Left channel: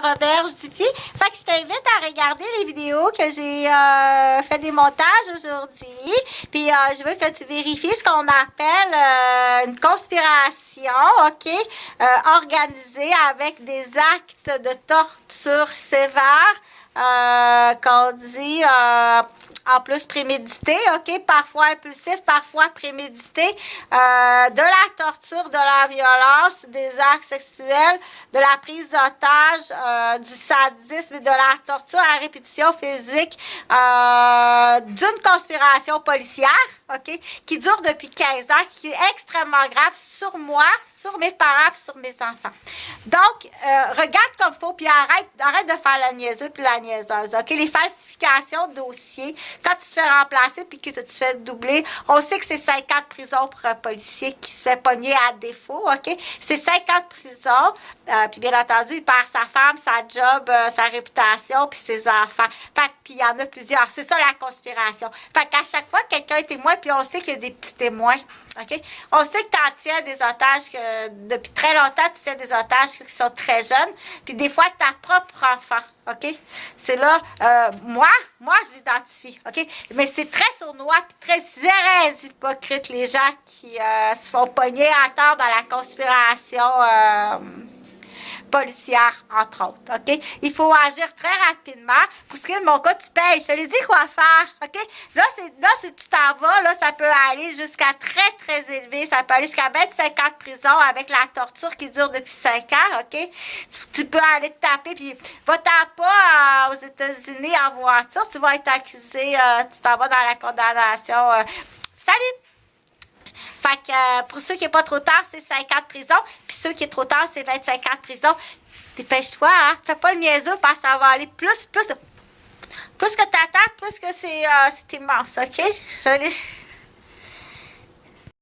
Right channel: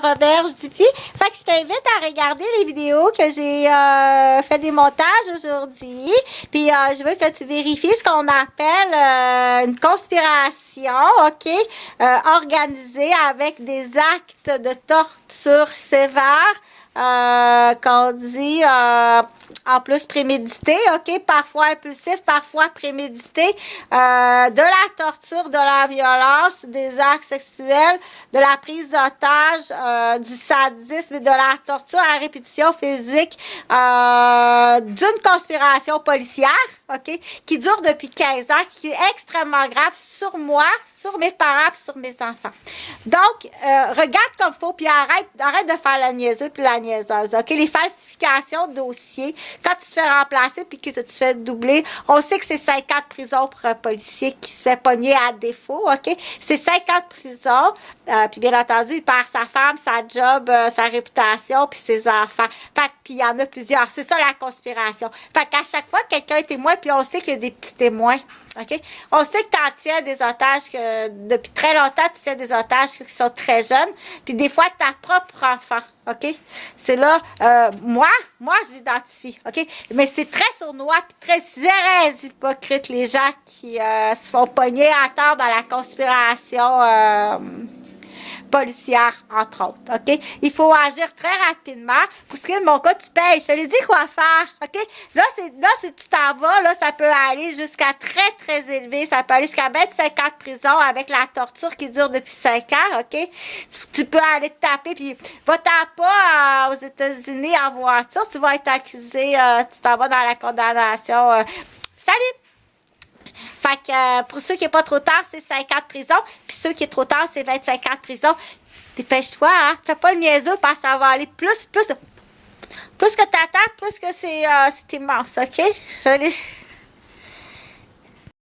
Roberge-Diffie. Fait que je t'invite à regarder les vidéos que j'ai fait des montages aujourd'hui. Puis je veux que tu vérifies ce qu'on appelle une conspiration, OK? Organisée avec des actes de torture sévères. Qu'on dit en plus prémédité, OK? Parfois impulsif, parfois prémédité, de la torture, de la violence, des actes sexuels, de la prise d'otage, du sadisme et de la torture à répétition physique, d'une conspiration policière, OK? Qui dure depuis 15 ans, qui est extrêmement grave sur moi, sur mes parents, sur mes enfants. Donc, regarde comme faut, puis arrête de faire la niaiseuse puis la niaiseuse, OK? Les falsifications de dossiers, quand tu te fais remplacer puis que tu te fais doubler, on sait que c'est 5 ans de prison pour un policier qui se fait pogner à défaut, OK? C'est 5 ans de prison, puis bien entendu, il perd sa femme, sa job, sa réputation, puis ses enfants. Fait que, puis il y en a plusieurs. C'est ça la conspiration. Fait qu'à chaque fois que quelqu'un est témoin, puis on sait qu'il y a des petits témoins, OK? On sait que tu en tiens des otages, que depuis très longtemps, tu tiens des otages qui sont très jeunes, puis des fois, ta propre enfant, OK? C'est là, moi, je l'identifie, OK? Mais c'est très sournois, puis très hypocrite, les gens qui se font pogner à tort dans la conspiration policière, entre autres, OK? Il faut agir très rapidement. Pour ce qui est de mon cas, tu payes. Je te l'ai dit quoi faire, OK? Là, si tu t'en vas, là, ça peut aller jusqu'à très élevé. Ça peut aller jusqu'à 25 ans de prison avec la torture qui dure depuis 5 ans, OK? Tu peux aller te taper, puis va-t'en pas aux États-Unis en voiture. Tu vas être accusé, tu t'en vas dans la condamnation. Salut! Fait que pour ceux qui est pas trop tard, c'est 5 ans de prison. Puis ceux qui est trop tard, c'est 25 ans de prison. Dépêche-toi, hein. Fais pas le niaiseux parce que ça va aller plus que t'attends, plus que c'est immense, OK? Salut!